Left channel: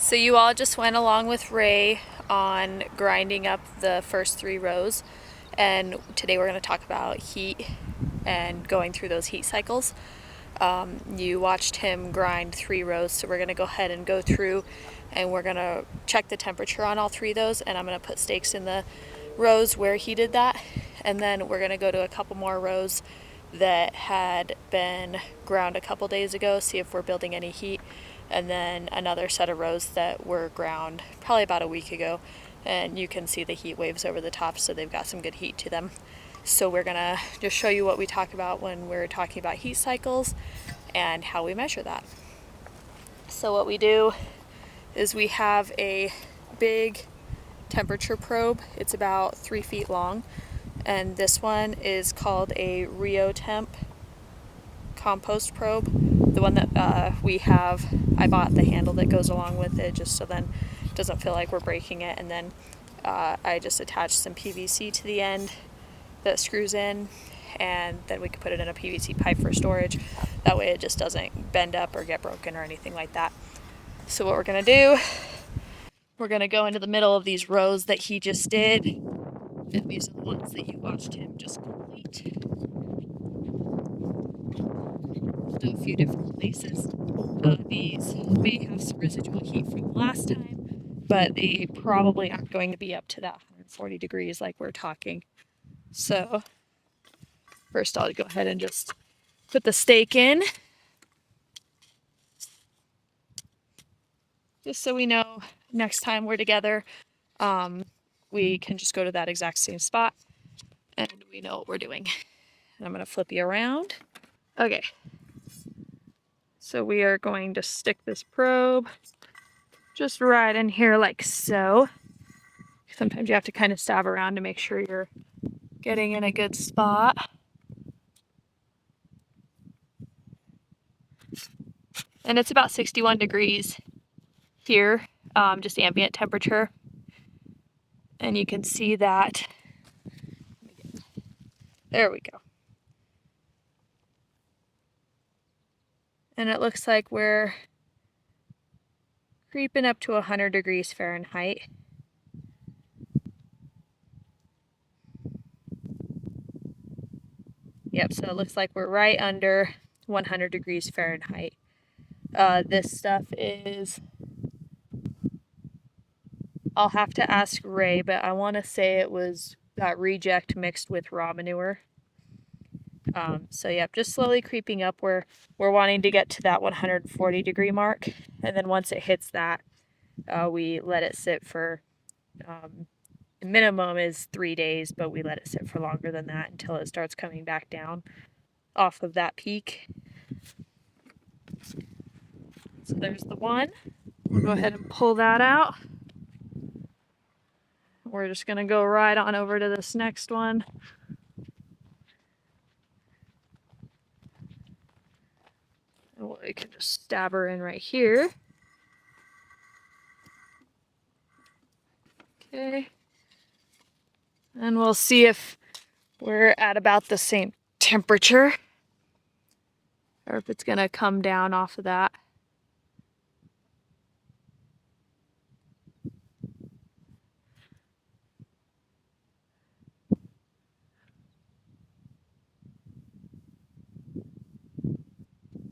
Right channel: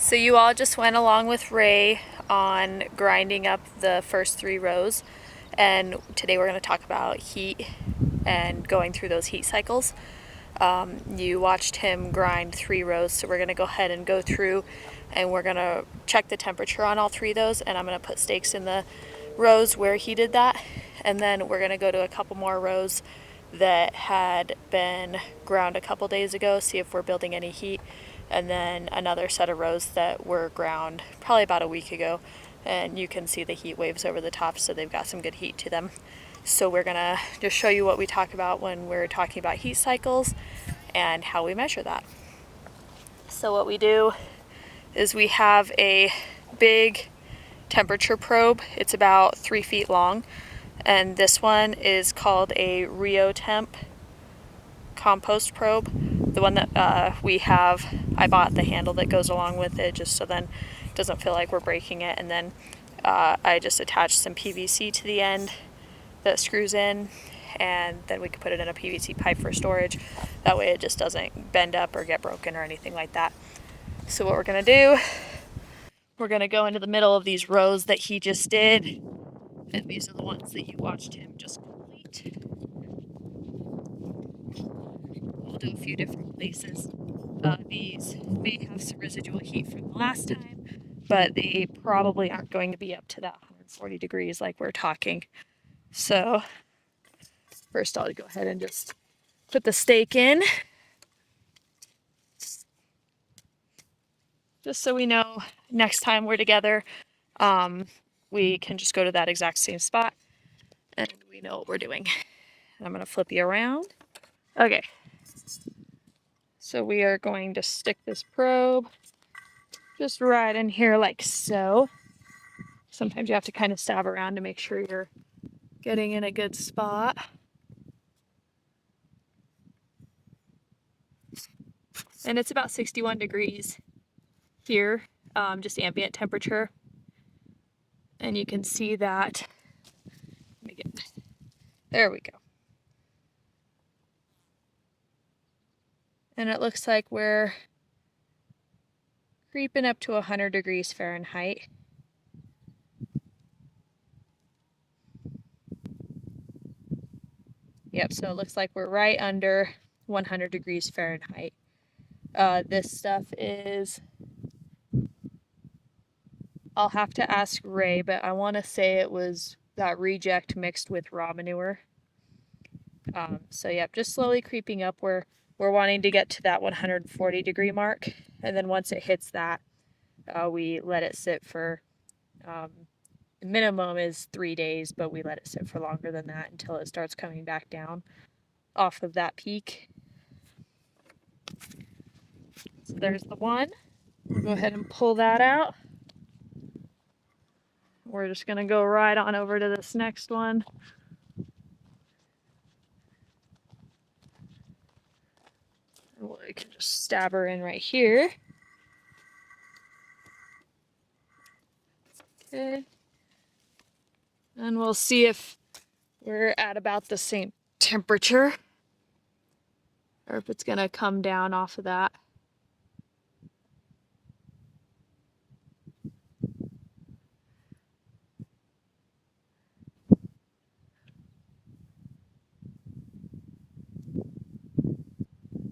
So you all just went along with Ray on grinding up the first 3 rows, and today we're going to talk about heat and going through those heat cycles. You watched him grind 3 rows, so we're going to go ahead and go through and we're going to check the temperature on all 3 of those, and I'm going to put stakes in the rows where he did that, and then we're going to go to a couple more rows that had been ground a couple days ago, see if we're building any heat, and then another set of rows that were ground probably about a week ago, and you can see the heat waves over the top, so they've got some good heat to them. So we're gonna just show you what we talk about when we're talking about heat cycles and how we measure that. So what we do is we have a big temperature probe. It's about 3 feet long, and this one is called a Rooted.Compost probe. The one that we have, I bought the handle that goes along with it just so then it doesn't feel like we're breaking it, and then I just attached some PVC to the end that screws in, and then we can put it in a PVC pipe for storage. That way it just doesn't bend up or get broken or anything like that. So what we're gonna do, we're gonna go into the middle of these rows that he just did, and these are the ones that you watched him just complete. We'll do a few different places. These may have some residual heat from the last time, but they probably aren't going to be up to that 140 degrees like we're talking. So first I'll go ahead and just put the stake in, just so we know next time we're together, we can just go to that exact same spot and we know what we're doing. And I'm going to flip you around. Okay. So we are going to stick this probe just right in here like so. Sometimes you have to kind of stab around to make sure you're getting in a good spot. And it's about 61 degrees here, just ambient temperature. And you can see that. There we go. And it looks like we're creeping up to 100 degrees Fahrenheit. Yep, so it looks like we're right under 100 degrees Fahrenheit. This stuff is, I'll have to ask Ray, but I want to say it was that reject mixed with raw manure. So yep, just slowly creeping up. We're wanting to get to that 140 degree mark, and then once it hits that, we let it sit for, the minimum is 3 days, but we let it sit for longer than that until it starts coming back down off of that peak. So there's the one. We'll go ahead and pull that out. We're just gonna go right on over to this next one. And we can just stab her in right here. Okay. And we'll see if we're at about the same temperature or if it's gonna come down off of that.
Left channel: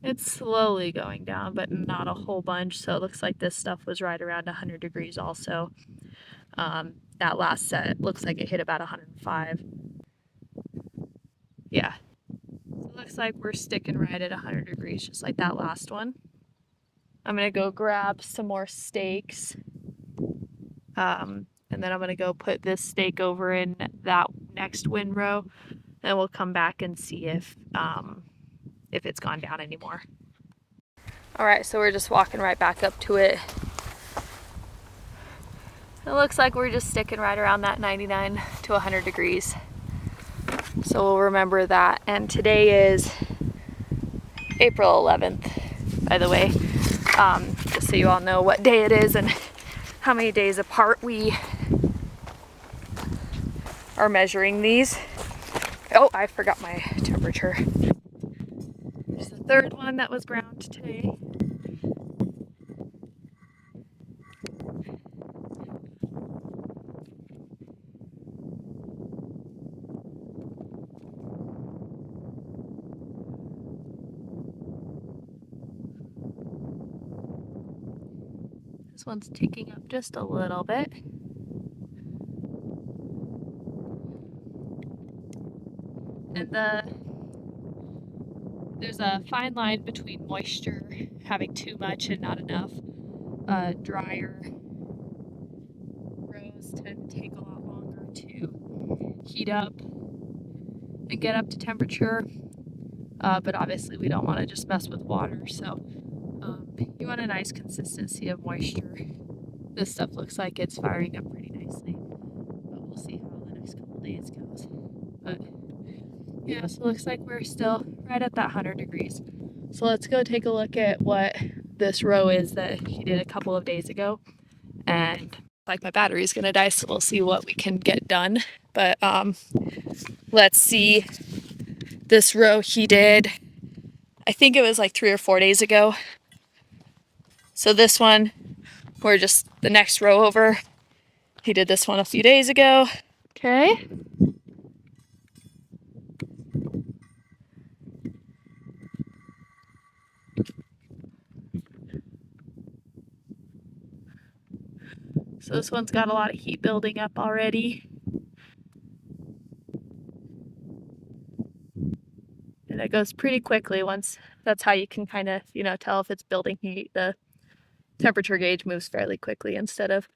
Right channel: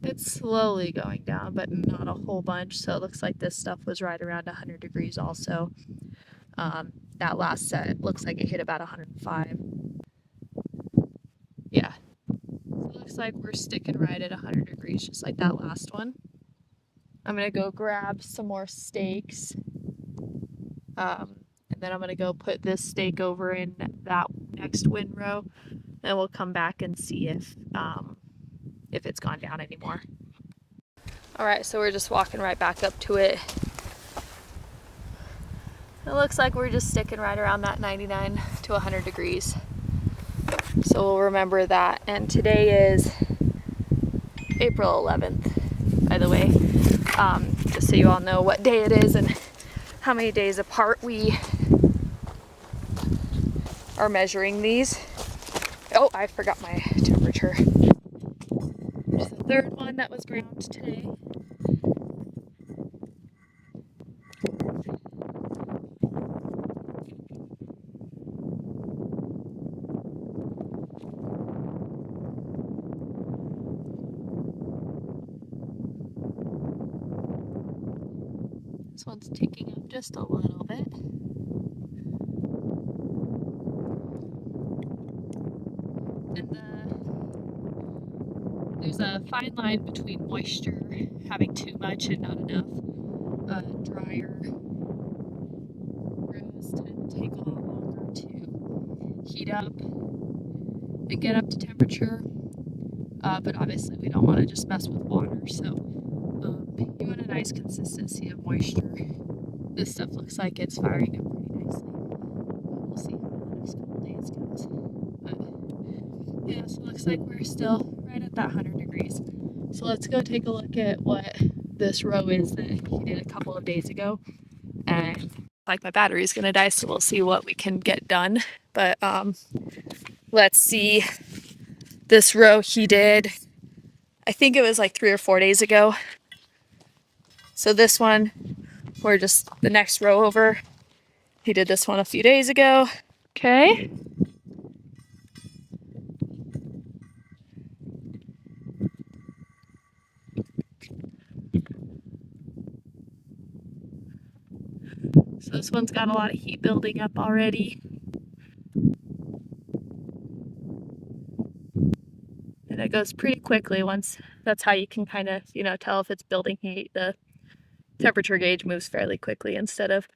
It's slowly going down, but not a whole bunch. So it looks like this stuff was right around 100 degrees also. That last set looks like it hit about 105. Yeah. So it looks like we're sticking right at 100 degrees, just like that last one. I'm gonna go grab some more stakes. And then I'm gonna go put this stake over in that next windrow, and we'll come back and see if it's gone down anymore. All right, so we're just walking right back up to it. It looks like we're just sticking right around that 99 to 100 degrees. So we'll remember that. And today is April 11th, by the way, just so you all know what day it is and how many days apart we are measuring these. Oh, I forgot my temperature. There's the third one that was ground today. one's ticking up just a little bit. And there's a fine line between moisture, having too much and not enough. Drier rows tend to take a lot longer to heat up and get up to temperature. But obviously we don't want to just mess with water, so you want a nice consistency of moisture. This stuff looks like it's firing up pretty nicely, but we'll see how the next couple days goes. But yeah, so it looks like we're still right at that 100 degrees. So let's go take a look at what this row is that he did a couple of days ago. And like my battery's gonna die, so we'll see what we can get done. But let's see this row he did, I think it was like 3 or 4 days ago. So this one, we're just the next row over. He did this one a few days ago. Okay. So this one's got a lot of heat building up already. And it goes pretty quickly once. That's how you can kind of, tell if it's building heat. The temperature gauge moves fairly quickly instead of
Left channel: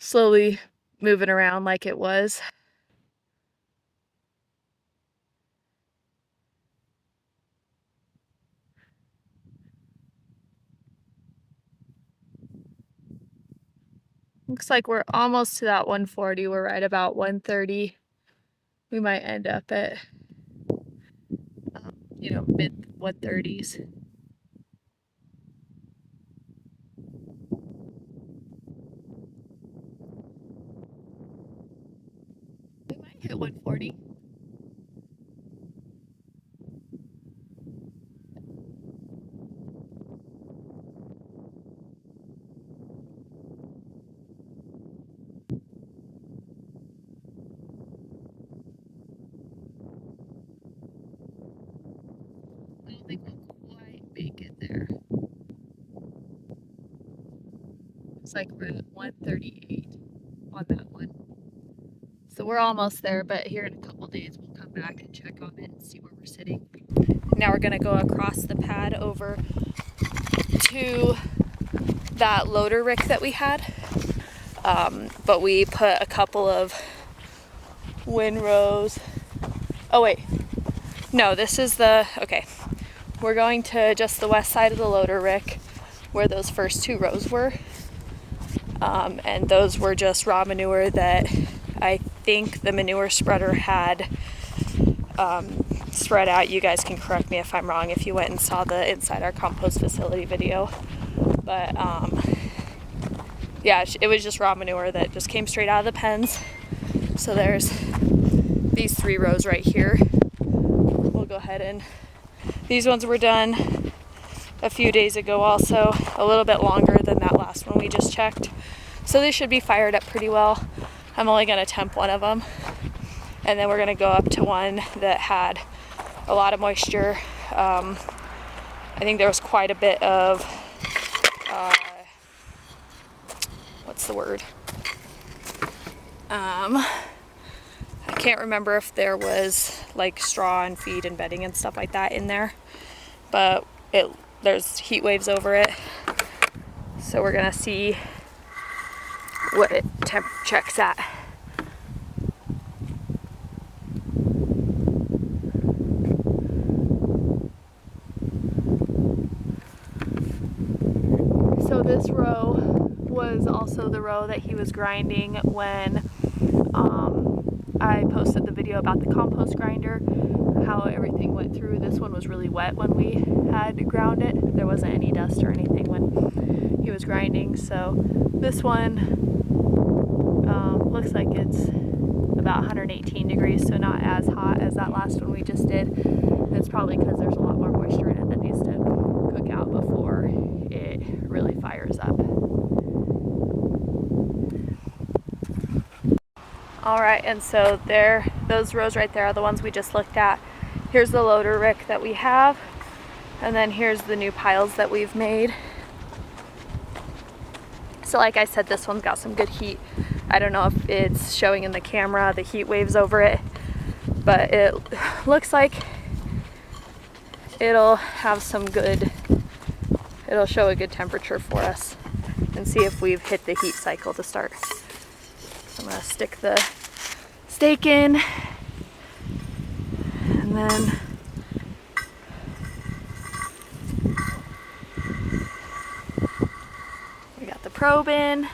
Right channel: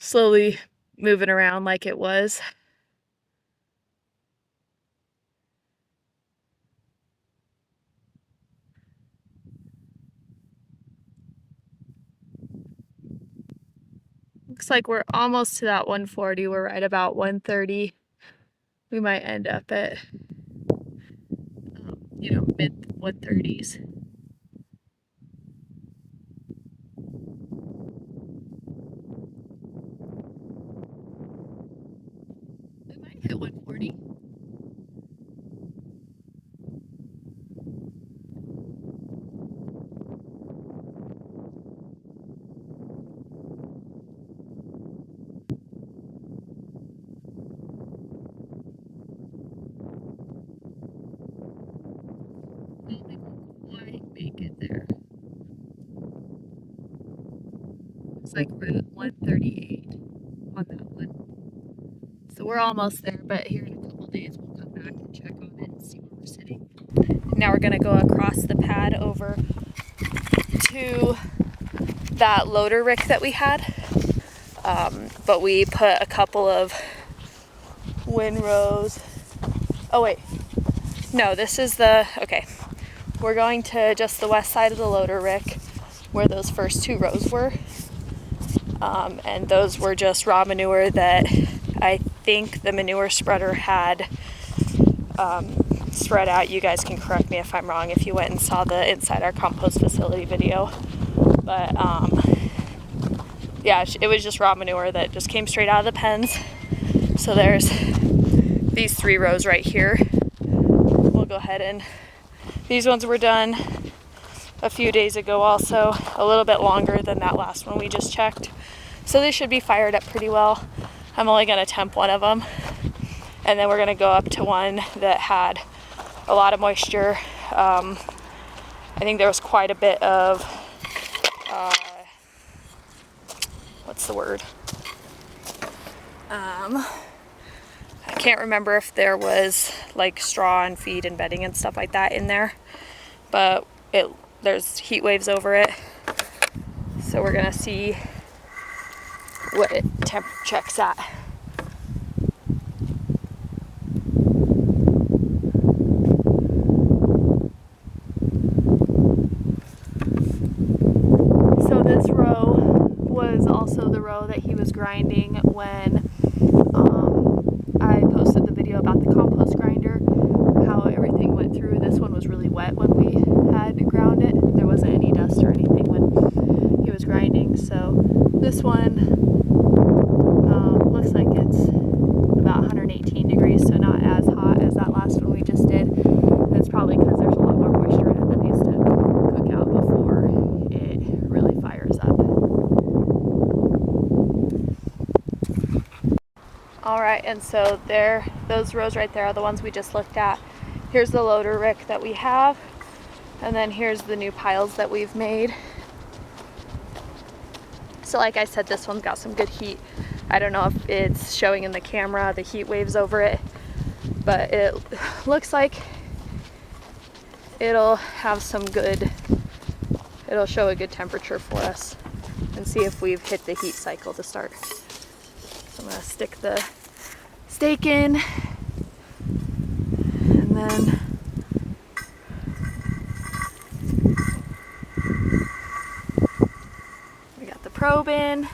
slowly moving around like it was. Looks like we're almost to that 140. We're right about 130. We might end up at, mid 130s. We might hit 140. I don't think we'll quite make it there. Looks like we're at 138 on that one. So we're almost there, but here in a couple days we'll come back and check on it and see where we're sitting. Now we're gonna go across the pad over to that loader rick that we had. But we put a couple of windrows. Oh wait, no, this is okay. We're going to just the west side of the loader rick where those first 2 rows were. And those were just raw manure that I think the manure spreader had spread out. You guys can correct me if I'm wrong if you went and saw the Inside Our Compost Facility video. But yeah, it was just raw manure that just came straight out of the pens. So there's these 3 rows right here. We'll go ahead and these ones were done a few days ago also, a little bit longer than that last one we just checked. So they should be fired up pretty well. I'm only gonna temp one of them. And then we're gonna go up to one that had a lot of moisture. I think there was quite a bit of, what's the word? I can't remember if there was like straw and feed and bedding and stuff like that in there, but there's heat waves over it. So we're gonna see what it temp checks at. So this row was also the row that he was grinding when I posted the video about the compost grinder, how everything went through. This one was really wet when we had ground it. There wasn't any dust or anything when he was grinding. So this one looks like it's about 118 degrees, so not as hot as that last one we just did. It's probably because there's a lot more moisture in it that needs to cook out before it really fires up. All right, and so those rows right there are the ones we just looked at. Here's the loader rick that we have, and then here's the new piles that we've made. So like I said, this one's got some good heat. I don't know if it's showing in the camera, the heat waves over it, but it looks like it'll have some good, it'll show a good temperature for us, and see if we've hit the heat cycle to start. So I'm gonna stick the stake in, and then we got the probe in.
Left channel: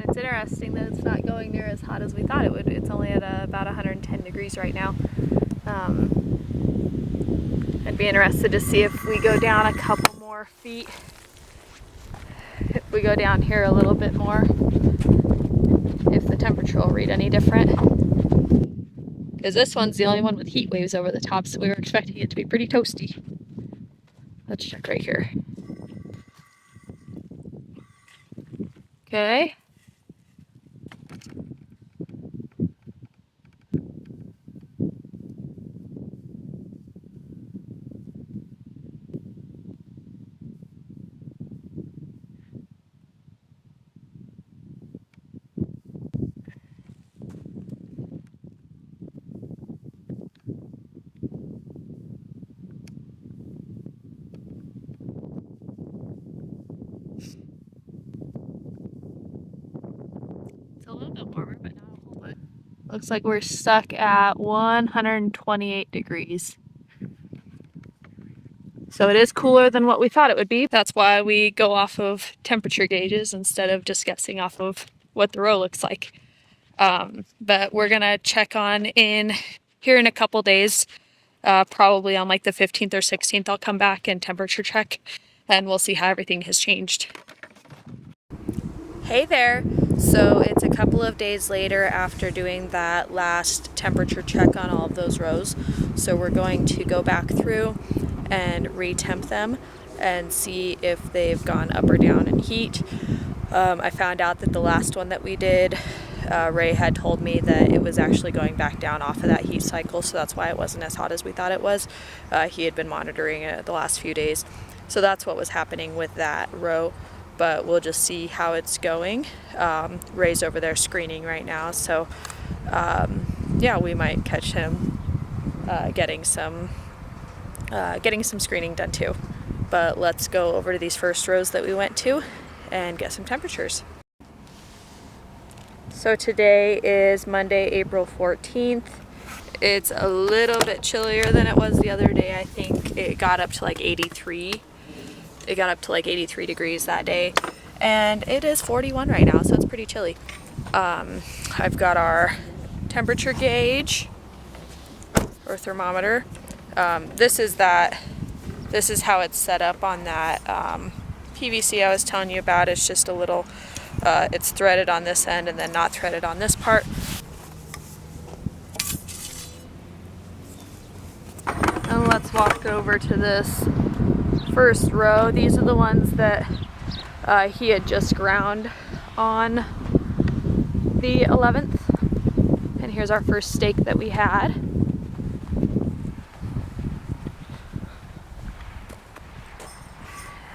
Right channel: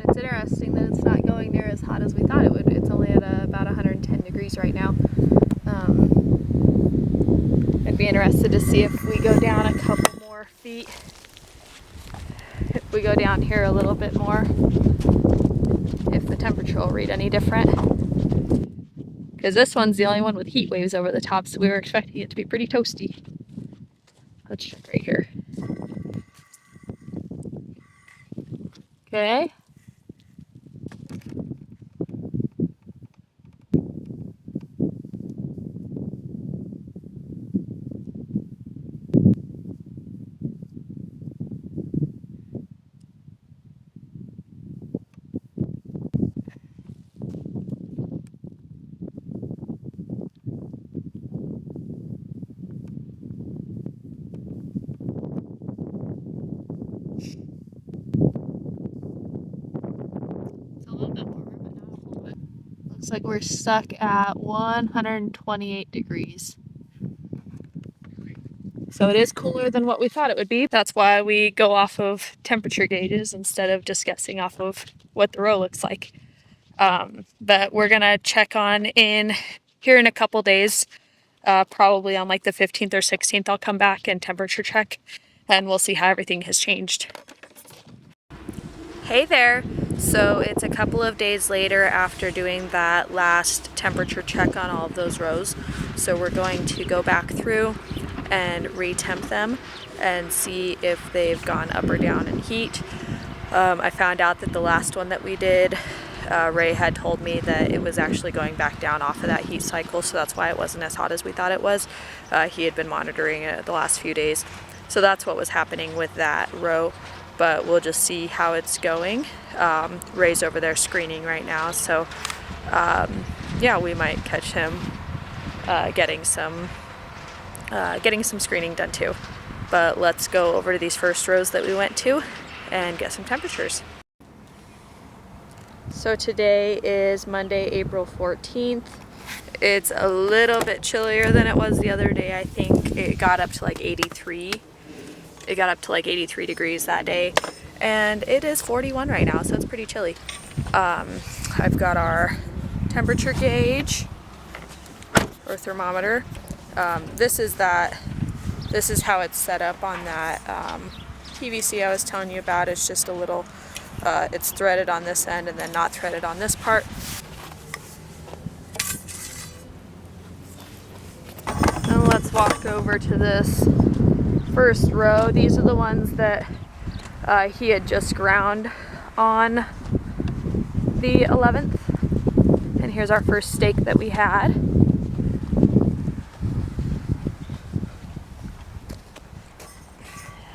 It's interesting that it's not going near as hot as we thought it would. It's only at about 110 degrees right now. I'd be interested to see if we go down a couple more feet, if we go down here a little bit more, if the temperature will read any different. Because this one's the only one with heat waves over the top, so we were expecting it to be pretty toasty. Let's check right here. Okay. It's a little bit warmer, but not a whole lot. Looks like we're stuck at 128 degrees. So it is cooler than what we thought it would be. That's why we go off of temperature gauges instead of just guessing off of what the row looks like. But we're gonna check on in here in a couple days. Probably on like the 15th or 16th, I'll come back and temperature check, and we'll see how everything has changed. Hey there! So it's a couple of days later after doing that last temperature check on all of those rows. So we're going to go back through and re-temp them and see if they've gone up or down in heat. I found out that the last one that we did, Ray had told me that it was actually going back down off of that heat cycle, so that's why it wasn't as hot as we thought it was. He had been monitoring it the last few days. So that's what was happening with that row, but we'll just see how it's going. Ray's over there screening right now, so yeah, we might catch him getting some screening done too. But let's go over to these first rows that we went to and get some temperatures. So today is Monday, April 14th. It's a little bit chillier than it was the other day. I think it got up to like 83. It got up to like 83 degrees that day. And it is 41 right now, so it's pretty chilly. I've got our temperature gauge or thermometer. This is how it's set up on that PVC I was telling you about. It's just a little, it's threaded on this end and then not threaded on this part. And let's walk over to this first row. These are the ones that he had just ground on the 11th. And here's our first steak that we had.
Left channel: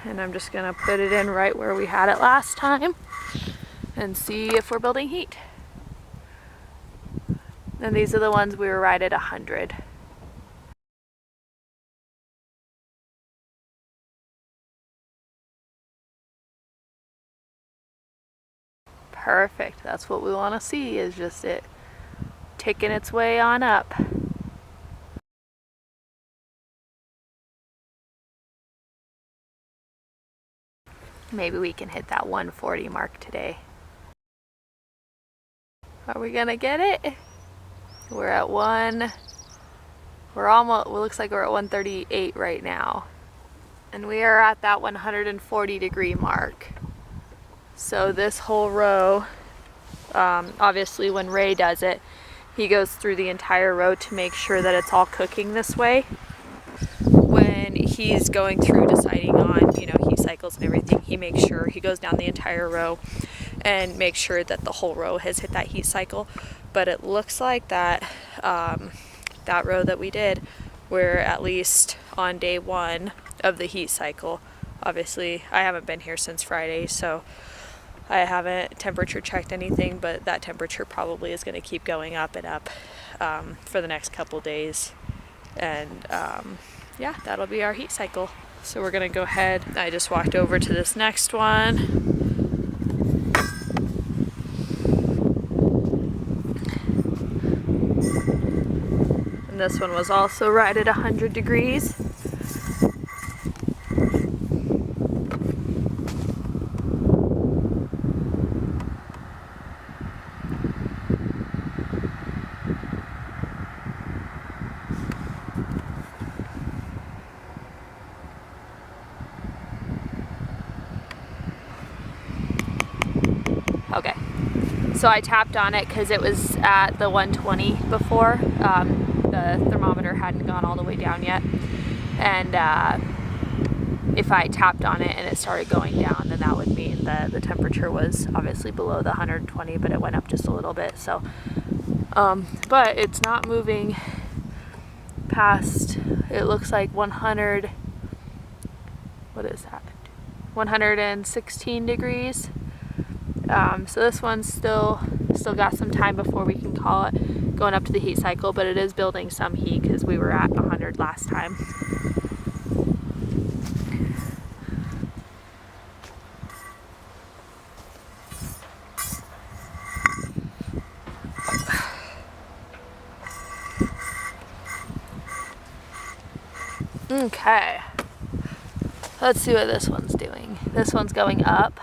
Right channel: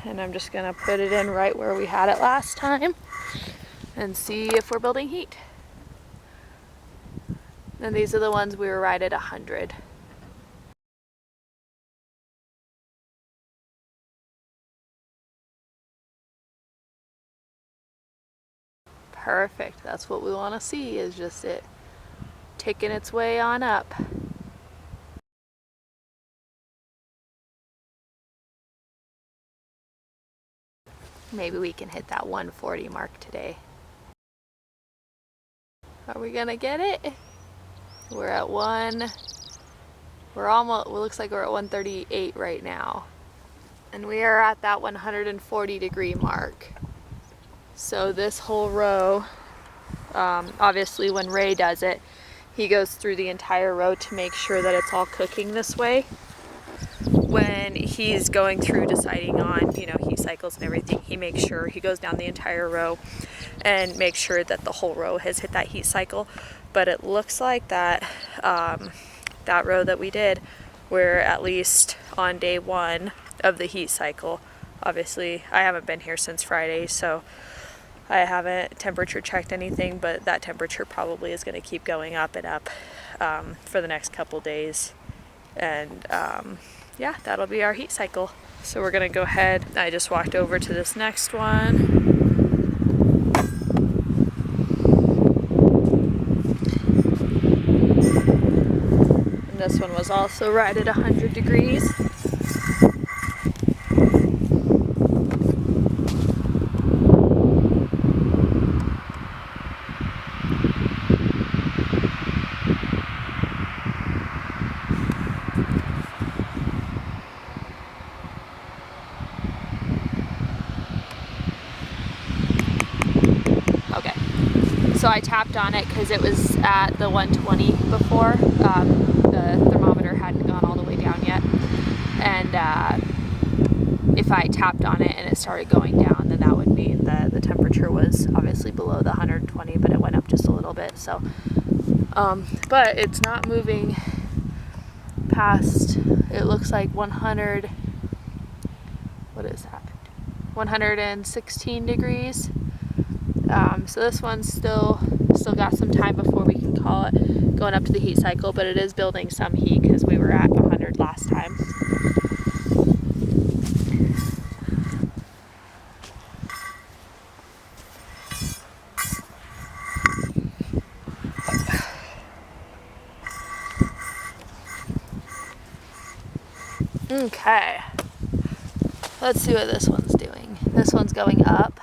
And I'm just gonna put it in right where we had it last time and see if we're building heat. And these are the ones we were right at 100. Perfect, that's what we wanna see, is just it ticking its way on up. Maybe we can hit that 140 mark today. Are we gonna get it? We're at we're almost, it looks like we're at 138 right now. And we are at that 140 degree mark. So this whole row, obviously when Ray does it, he goes through the entire row to make sure that it's all cooking this way. When he's going through deciding on, you know, heat cycles and everything, he makes sure he goes down the entire row and makes sure that the whole row has hit that heat cycle. But it looks like that that row that we did, we're at least on day 1 of the heat cycle. Obviously, I haven't been here since Friday, so I haven't temperature checked anything, but that temperature probably is going to keep going up and up for the next couple days. And yeah, that'll be our heat cycle. So we're going to go ahead. I just walked over to this next one. And this one was also right at 100 degrees. Okay, so I tapped on it because it was at the 120 before. The thermometer hadn't gone all the way down yet. And if I tapped on it and it started going down, then that would mean that the temperature was obviously below the 120, but it went up just a little bit. So, but it's not moving past, it looks like 100, what is that? 116 degrees. So this one's still got some time before we can call it going up to the heat cycle, but it is building some heat because we were at 100 last time. Okay, let's see what this one's doing. This one's going up.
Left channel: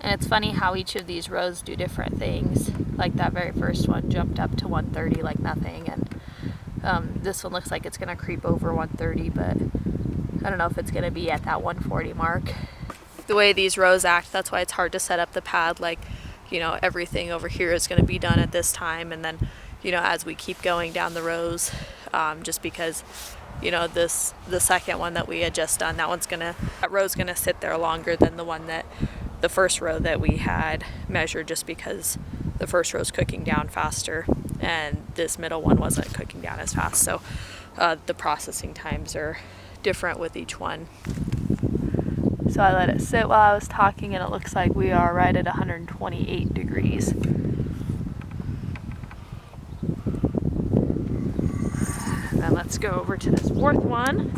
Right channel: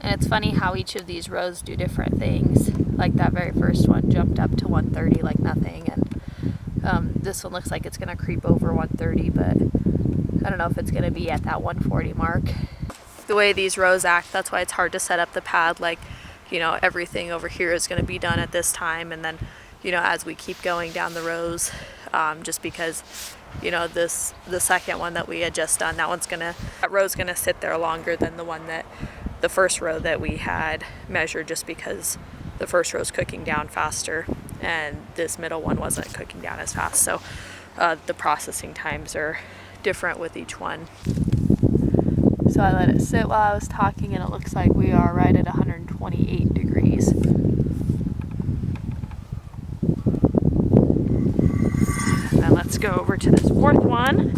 And it's funny how each of these rows do different things. Like that very first one jumped up to 130 like nothing, and this one looks like it's gonna creep over 130, but I don't know if it's gonna be at that 140 mark. The way these rows act, that's why it's hard to set up the pad. Like, you know, everything over here is gonna be done at this time, and then, you know, as we keep going down the rows, just because, you know, the second one that we had just done, that row's gonna sit there longer than the first row that we had measured, just because the first row's cooking down faster and this middle one wasn't cooking down as fast. So the processing times are different with each one. So I let it sit while I was talking, and it looks like we are right at 128 degrees. And then let's go over to this fourth one.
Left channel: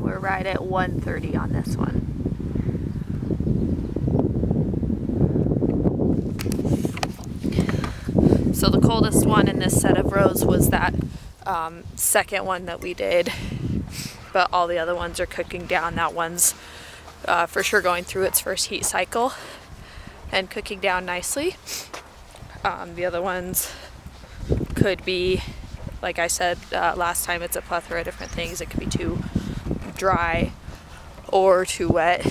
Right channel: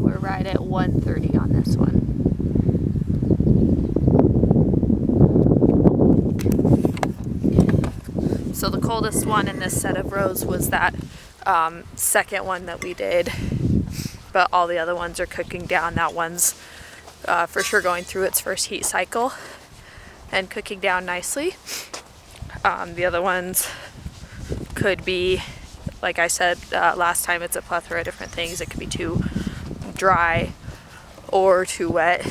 We're right at 130 on this one. So the coldest one in this set of rows was that second one that we did, but all the other ones are cooking down. That one's for sure going through its first heat cycle and cooking down nicely. The other ones could be, like I said last time, it's a plethora of different things. It could be too dry or too wet,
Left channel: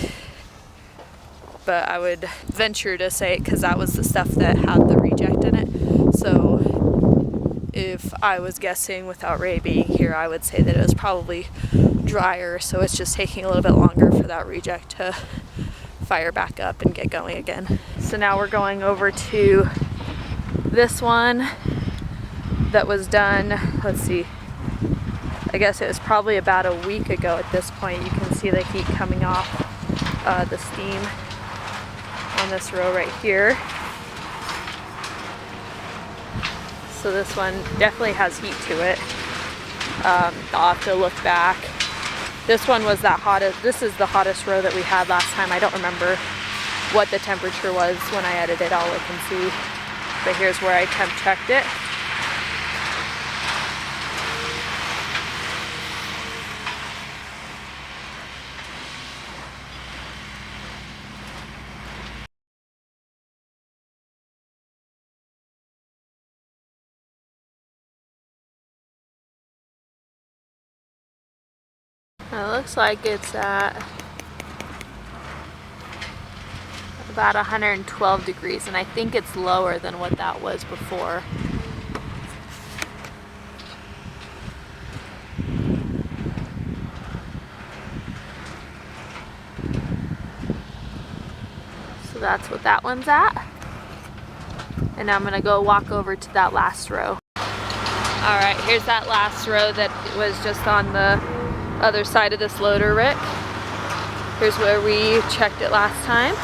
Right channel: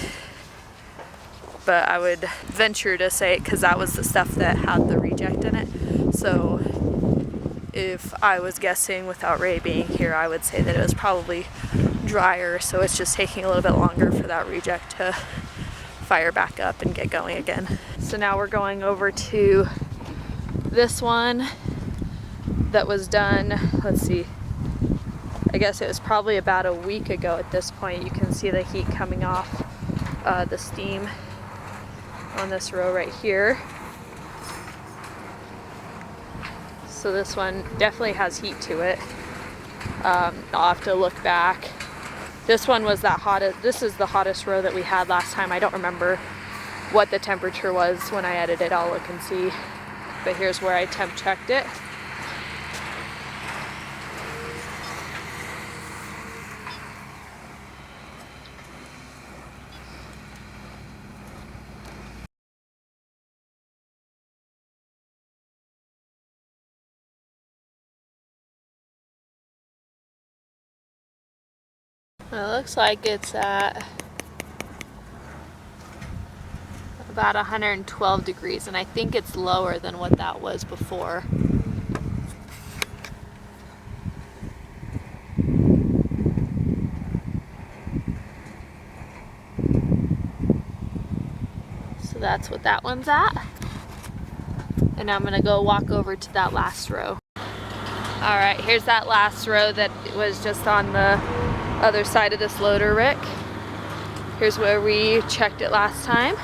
but I would venture to say, because that was the stuff that had the reject in it, so if I was guessing without Ray being here, I would say that it was probably drier, so it's just taking a little bit longer for that reject to fire back up and get going again. So now we're going over to this one that was done, let's see, I guess it was probably about a week ago at this point. You can see the heat coming off the steam on this row right here. So So this one definitely has heat to it. I'll have to look back. This one was that hottest. This is the hottest row that we had last time. I don't remember what the temperature was when I edited. I'll look and see. But here's where I temp checked it. It looks like it's at about 112 degrees, and I think it's lower than what that was before. So that's what that one's at. And I'm gonna go walk over to that last row. All right, here's that last row that was just on the other side of this loader rick. Here's where we checked it last time.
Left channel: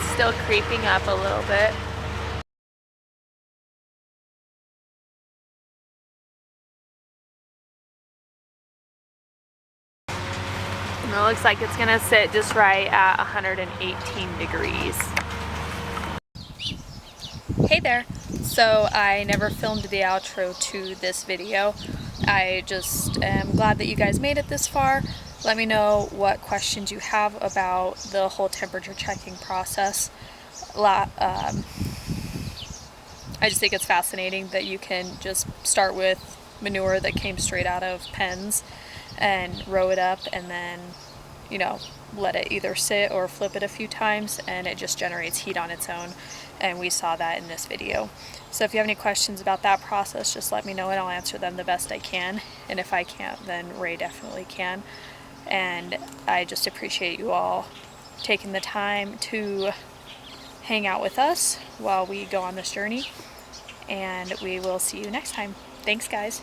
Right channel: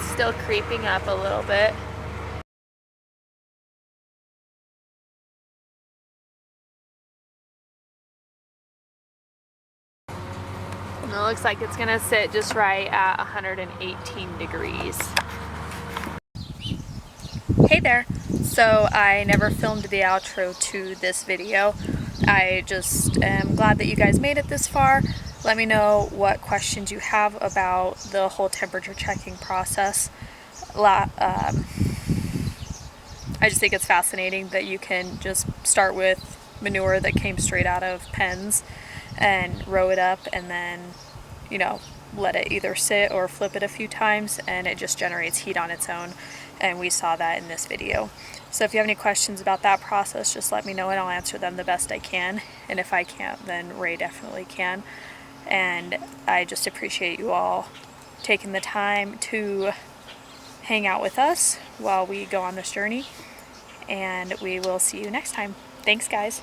It's still creeping up a little bit. And it looks like it's gonna sit just right at 118 degrees. Hey there! So I never filmed the outro to this video. I just am glad that you guys made it this far. Let me know what questions you have about the whole temperature checking process. I just think it's fascinating that you can just start with manure that came straight out of pens and row it up and then, you know, let it either sit or flip it a few times and it just generates heat on its own. And we saw that in this video. So if you have any questions about that process, just let me know and I'll answer them the best I can. And if I can't, then Ray definitely can. And I just appreciate you all taking the time to hang out with us while we go on this journey. And we will see you next time. Thanks, guys.